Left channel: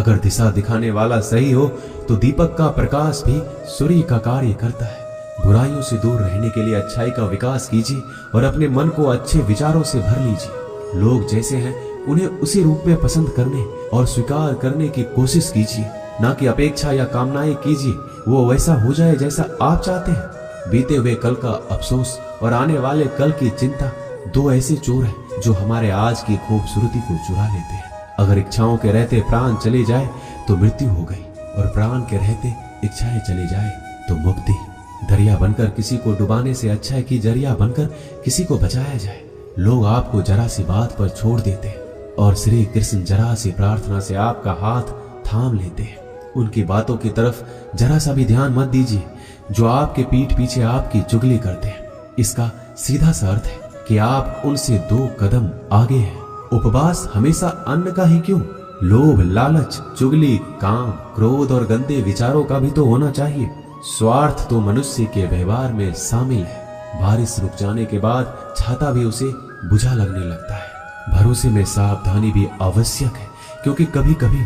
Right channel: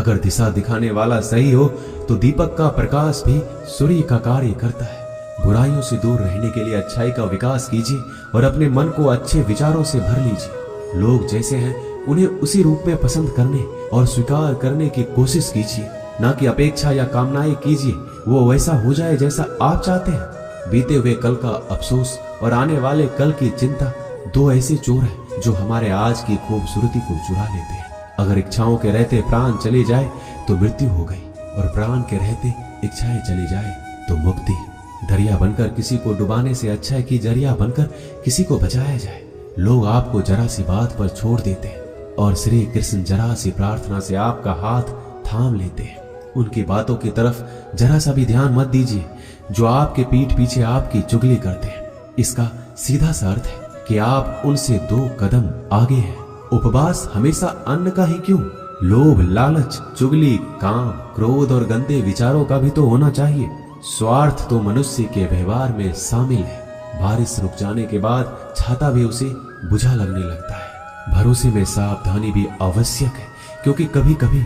अगर दिशा दिखाने वाला सही हो तो दीपक का प्रकाश भी सूर्य का कार्य करता है। बुराइयों से दूर रहने के लिए अच्छाई का विकास कीजिए और अपने मन को अच्छे विचारों से भर लीजिए। लोग जैसे हैं उन्हें उसी रूप में पसंद करने और स्वीकार करने की कोशिश कीजिए, ना कि अपेक्षा या कामनाएं कीजिए वो वैसा हो जाए जैसा आप चाहते हैं। बीते हुए कल का अफसोस और आने वाले कल की चिंता दो ऐसे चोर हैं जो हमारे आज की खूबसूरती को चुरा लेते हैं। अगर इच्छाओं के रहते प्राण चले जाए तो मृत्यु हो गई, और प्राण के रहते इच्छाएं चली जाए तो मुक्ति। दरिया बनकर किसी को डुबाने से अच्छा है कि जरिया बनकर किसी को बचाया जाए। लोग आपको जरा सी बात पर छोड़ देते हैं और श्री कृष्ण जरा सी प्रार्थना से आपका हाथ थाम लेते हैं। उनकी बातों की तरफ जरा सा भी ध्यान मत दीजिए जो आपके पीठ पीछे आपकी चुगली करते हैं। इसका सीधा सा अर्थ है कि आप उनसे 2 कदम आगे हैं। उपवास हमेशा अन्न का ही क्यों, लोभ, लालच, चुगली, काम, क्रोध और गंदे विचारों का भी तो होना चाहिए। स्वार्थ तो मनुष्य के व्यवहार में शामिल है। बारिश रुक जाने के बाद छाता भी उसे बुझा लगने लगता है। भरोसे में सावधानी भी आवश्यक है, क्योंकि कभी कभी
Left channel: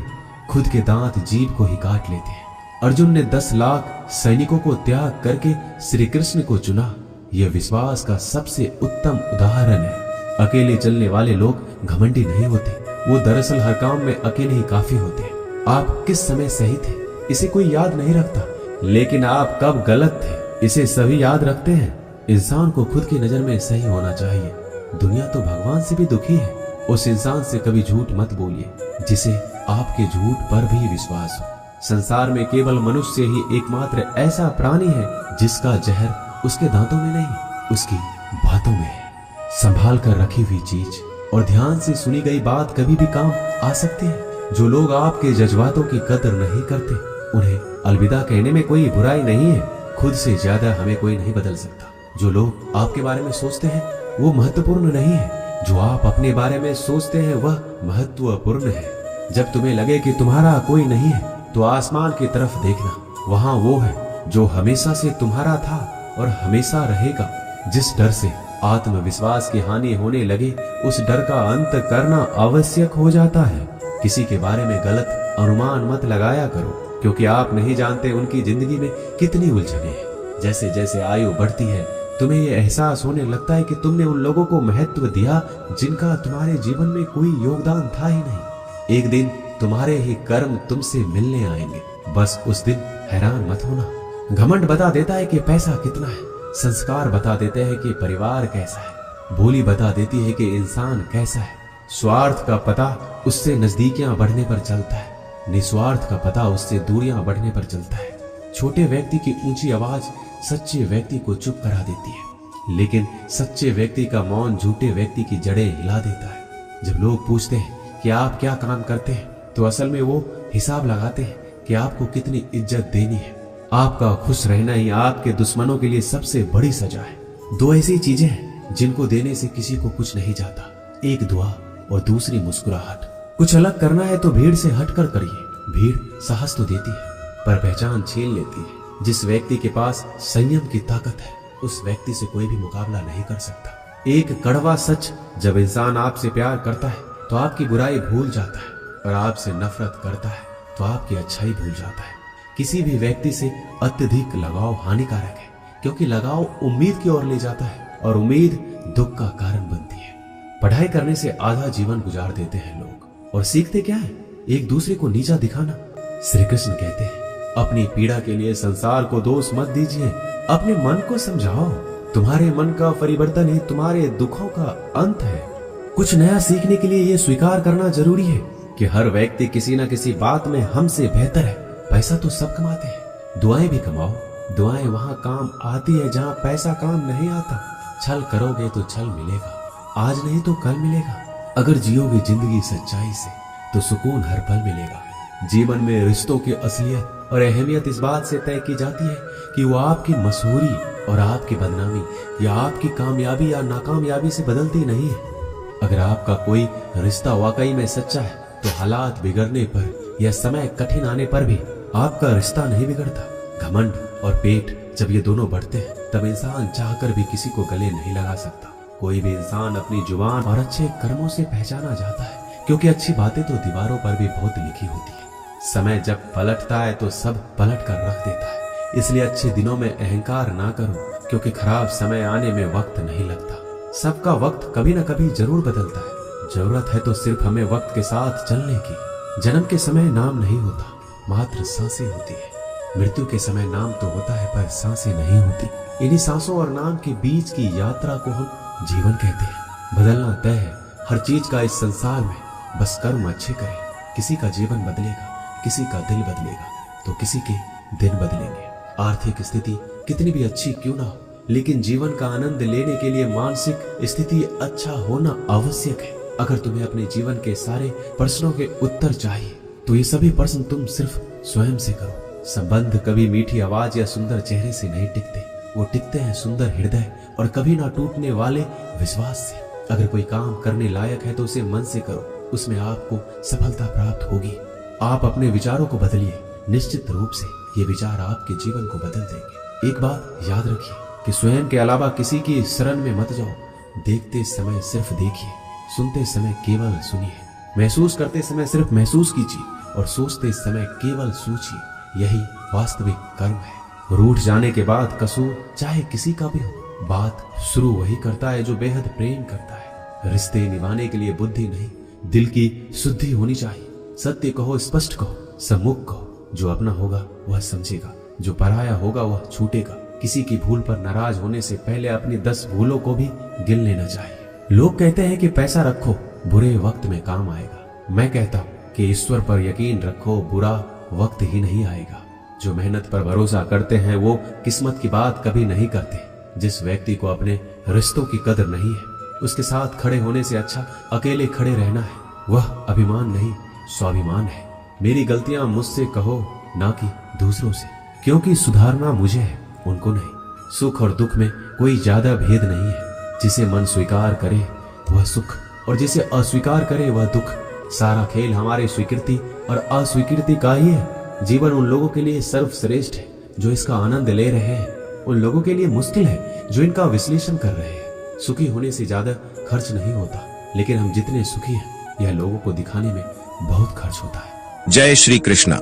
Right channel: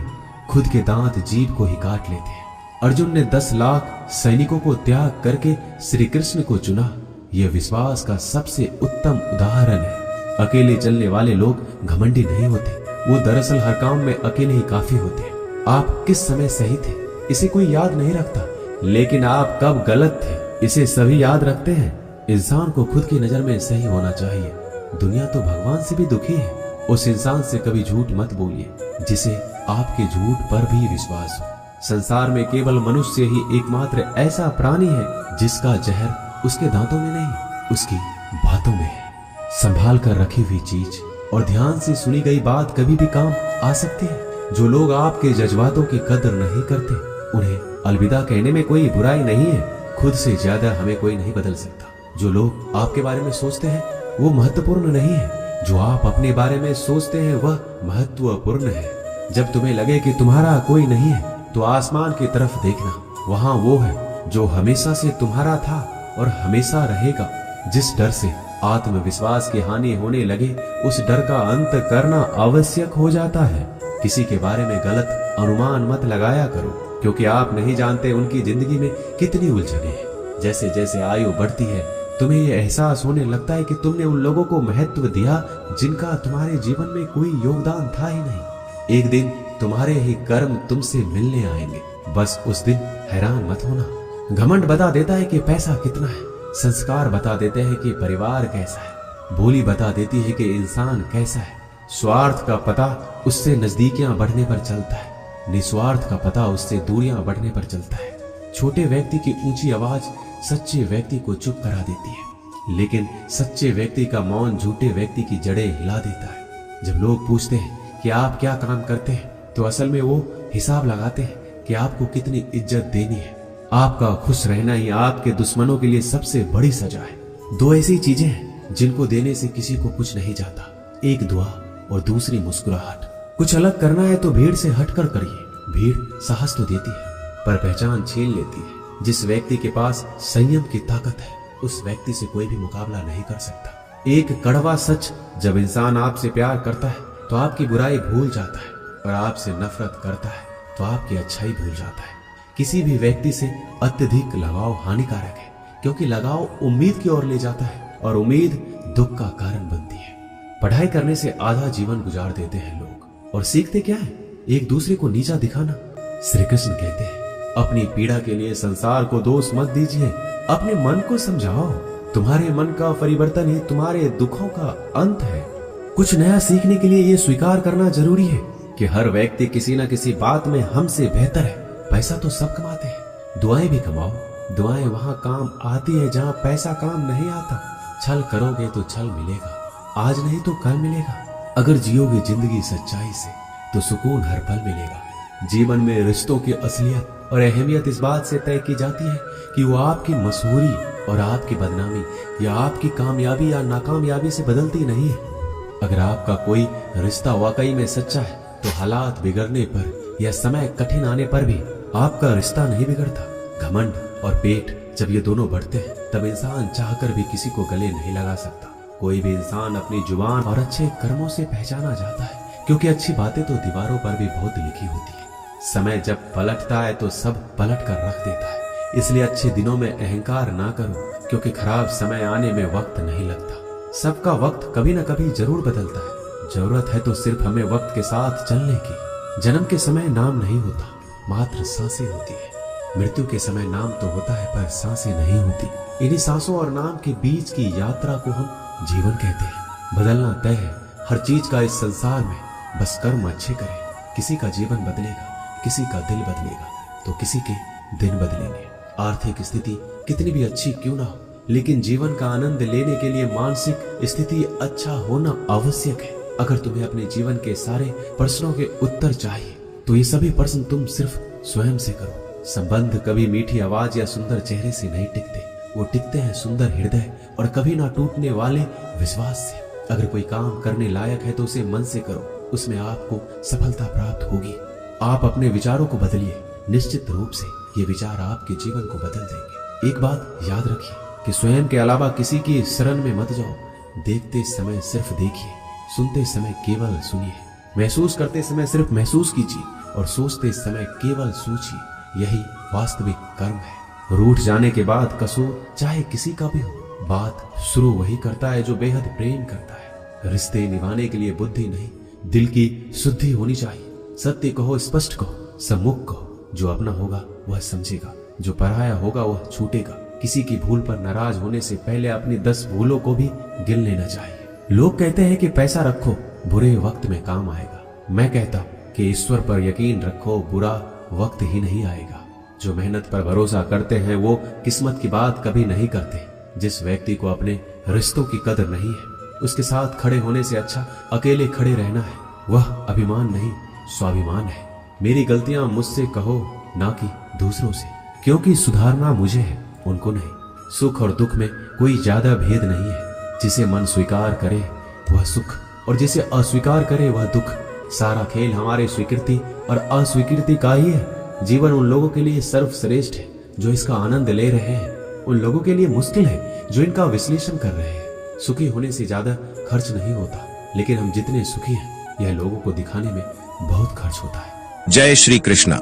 खुद के दांत जीभ को ही काट लेते हैं। अर्जुन ने 10 लाख सैनिकों को त्याग करके श्री कृष्ण को चुना। यह विश्वास का सबसे उत्तम उदाहरण है। अकेले चलने वाले लोग घमंडी नहीं होते, वो दरअसल हर काम में अकेले ही काफी होते हैं। आप किस समय सही थे इसे कोई याद नहीं रखता, लेकिन आप कब गलत थे इसे सभी याद रखते हैं। इंसान को खुद की नजर में सही होना चाहिए। दुनिया तो भगवान से भी दुखी है। उस इंसान से कभी झूठ मत बोलिए जिसे आपके झूठ पर भी विश्वास हो। संसार में केवल मनुष्य ही एकमात्र ऐसा प्राणी है जिसका जहर उसके दांतों में नहीं, उसकी बातों में है। संभाल कर रखी हुई चीज और ध्यान से सुनी गई बात कभी भी काम आ सकती है। जो लोग आपके जज्बातों की कदर नहीं करते उन्हें अलविदा कहने में कोई बुराई नहीं है। खुद से ज्यादा हमें कोई नहीं बदल सकता। जो लोग आपके बारे में सोचते हैं वो महत्वपूर्ण नहीं है, जो आप अपने बारे में सोचते हैं वह महत्वपूर्ण है। जब तुम्हें लगे कि तुम्हारा कोई नहीं है तो आसमान की तरफ देखना, वहाँ वो है जो हमेशा से तुम्हारा था और हमेशा रहेगा। जिस डर से आत्मविश्वास की हानि होने लगे उस डर का अंत करना आवश्यक हो जाता है। किसी के बारे में गलत अनुमान मत लगाया करो, क्योंकि आप नहीं जानते उनकी जिंदगी में कितनी उलझने हैं। जैसे जैसे आयु बढ़ती है तुम्हें यह एहसास होने लगता है कि तुमने उन लोगों को महत्व दिया जिनका तुम्हारे जीवन में कोई योगदान था ही नहीं। एक दिन तुम्हारे ही कर्म तुमसे मिलने आएंगे, बस उस दिन हैरान मत होना। घमंड बता देता है कि पैसा कितना है, संस्कार बता देते हैं कि परिवार कैसा है, बोली बता देती है कि इंसान कैसा है। स्वार्थ का पता उससे नजदीकियां बढ़ने पर चलता है, निस्वार्थ का पता उससे दूरियां बढ़ने पर चलता है। छोटे व्यक्ति की ऊंची आवाज सच्चे व्यक्ति को चुप करा देती है, लेकिन सच्चे व्यक्ति का मौन झूठे व्यक्ति की जड़ें हिला देता है। जब लोग पूछते हैं कि आप क्या काम करते हैं तो असल में वो हिसाब लगाते हैं कि आपको कितनी इज्जत देनी है। आपका खुश रहना ही आपके दुश्मनों के लिए सबसे बड़ी सजा है। 2 ऐसी चीजें हैं जिनको देने से किसी को कुछ नहीं जाता, एक दुआ और दूसरी मुस्कुराहट। कुछ अलग करना है तो भीड़ से हटकर करिए। भीड़ साहस तो देती है पर पहचान छीन लेती है। जिस व्यक्ति के पास संयम की ताकत है उस व्यक्ति से कोई भी मुकाबला नहीं कर सकता। एक कड़वा सच, जब इंसान आपसे प्यार करता है तो आपकी बुराई भूल जाता है, और आपसे नफरत करता है तो आपकी अच्छाई भूल जाता है। किसी भी व्यक्ति से अत्यधिक लगाव हानिकारक है, क्योंकि लगाव उम्मीद की ओर ले जाता है और उम्मीद दुख का कारण बनती है। पढ़ाई करने से आधा जीवन गुजार देते हैं लोग, और सीखते क्या है? एक दूसरे को नीचा दिखाना। श्री कृष्ण कहते हैं अपनी पीड़ा के लिए संसार को दोष मत दीजिए, अपने मन को समझाओ। तुम्हारे मन का परिवर्तन ही तुम्हारे दुखों का अंत है। कुछ नया सीखने के लिए ये स्वीकार करना जरूरी है कि हर व्यक्ति किसी न किसी बात में हमसे बेहतर है। पैसा तो सब कमाते हैं, दुआएं भी कमाओ। दुआएं वहाँ काम आती है जहाँ पैसा काम नहीं आता। छल करोगे तो छल मिलेगा, आज नहीं तो कल मिलेगा। अगर जियोगे जिंदगी सच्चाई से तो सुकून हर पल मिलेगा। जीवन में रिश्तों की असलियत और अहमियत इस बात से तय की जाती है कि वो आपकी मशहूरी और आपकी बदनामी या आपकी कामयाबी या नाकामयाबी से बदलती नहीं है। अगर आपका कोई रिश्ता वाकई में सच्चा है तो हालात बिगड़ने पर या समय कठिन आने पर भी आपका रिश्ता नहीं बिगड़ता। घमंड और पेट जब ये दोनों बढ़ते हैं तब इंसान चाहकर भी किसी को गले नहीं लगा सकता। कोई भी इंसान अपनी जुबान और अच्छे कर्मों से पहचाना जाता है, क्योंकि अच्छी बातें तो दीवारों पर भी बहुत लिखी होती है। समय जब पलटता है तो सब पलट कर रख देता है। इसलिए अच्छे दिनों में अहंकार ना करो, क्योंकि खराब समय आने में वक्त नहीं लगता। सबका वक्त कभी ना कभी जरूर बदलता है। जरूरत है तो सिर्फ हमें वक्त के साथ चलने की। जन्म के समय नाम नहीं होता, मात्र सांसें होती है। मृत्यु के समय नाम तो होता है, पर सांसें नहीं होती। इन्हीं सांसों और नाम के बीच की यात्रा को हम जीवन कहते हैं। बदलना तय है हर चीज का इस संसार में, बस कर्म अच्छे करें। किसी का जीवन बदलेगा, किसी का दिल बदलेगा, तो किसी के दिन बदलेंगे। आर्थिक स्थिति कितनी भी अच्छी क्यों ना हो, लेकिन जीवन का आनंद लेने के लिए मानसिक स्थिति अच्छा होना आवश्यक है। अगर तुम्हें अपने जीवन के सारे प्रश्नों के उत्तर चाहिए, तो ये सभी प्रश्न तुम सिर्फ स्वयं से करो। संबंध कभी मीठी आवाज या सुंदर चेहरे से नहीं टिकते, वो टिकते हैं सुंदर हृदय और कभी ना टूटने वाले विश्वास से। अगर कोई काम करने लायक है तो उसे मन से करो, उसमें आपको सफलता प्राप्त होगी। आप अपने विचारों को बदलिए, निश्चित रूप से ये विचार आपके जीवन को बदल देंगे। एक बात याद रखिए कि स्वयं के अलावा किसी की शरण में मत जाओ। देखते समय सिर्फ देखिए, सुनते समय केवल सुनिए, महसूस करते समय सिर्फ महसूस कीजिए और सोचते समय केवल सोचिए। यही वास्तविक कर्म है। रूठ जाने के बाद कसो चाहे किसी का भी हो, बात शुरू वही करता है जो बेहद प्रेम करता है। रिश्ते निभाने के लिए बुद्धि नहीं, दिल की शुद्धि होनी चाहिए। सत्य कहो, स्पष्ट कहो, सम्मुख कहो। जो अपना होगा वह समझेगा, जो पराया होगा वह छूटेगा। किसी की भूल पर नाराज होने से पहले अपनी 10 भूलों को भी गिन लेना चाहिए। लोग कहते हैं कि पैसा रखो, बुरे वक्त में काम आएगा। मैं कहता हूँ कि ईश्वर पर यकीन रखो, बुरा वक्त ही नहीं आएगा। जो मेहनत पर भरोसा करते हैं वो किस्मत की बात कभी नहीं करते। जिस व्यक्ति को अपने रिश्तों की कदर नहीं है, उसके साथ खड़े होने से अच्छा अकेले खड़े रहना है। वह अभिमान नहीं, स्वाभिमान है। मेरी गलतियां मुझसे कहो, ना कि दूसरों से, क्योंकि सुधारना मुझे है, उनको नहीं। सुख और दुख में कोई ज्यादा भेद नहीं है। जिसे मन स्वीकार करे वह सुख, और जिसे अस्वीकार करे वह दुख। सारा खेल हमारी स्वीकृति और अस्वीकृति का ही है। जीवन उन लोगों के लिए सर्वश्रेष्ठ है जो इसका आनंद ले रहे हैं, उन लोगों के लिए मुश्किल है जो इनका विश्लेषण कर रहे हैं। सुखी होने से ज्यादा खर्च नहीं होता, लेकिन हम जितने सुखी हैं यह लोगों को दिखाने में बहुत खर्च होता है। जय श्री कृष्णा।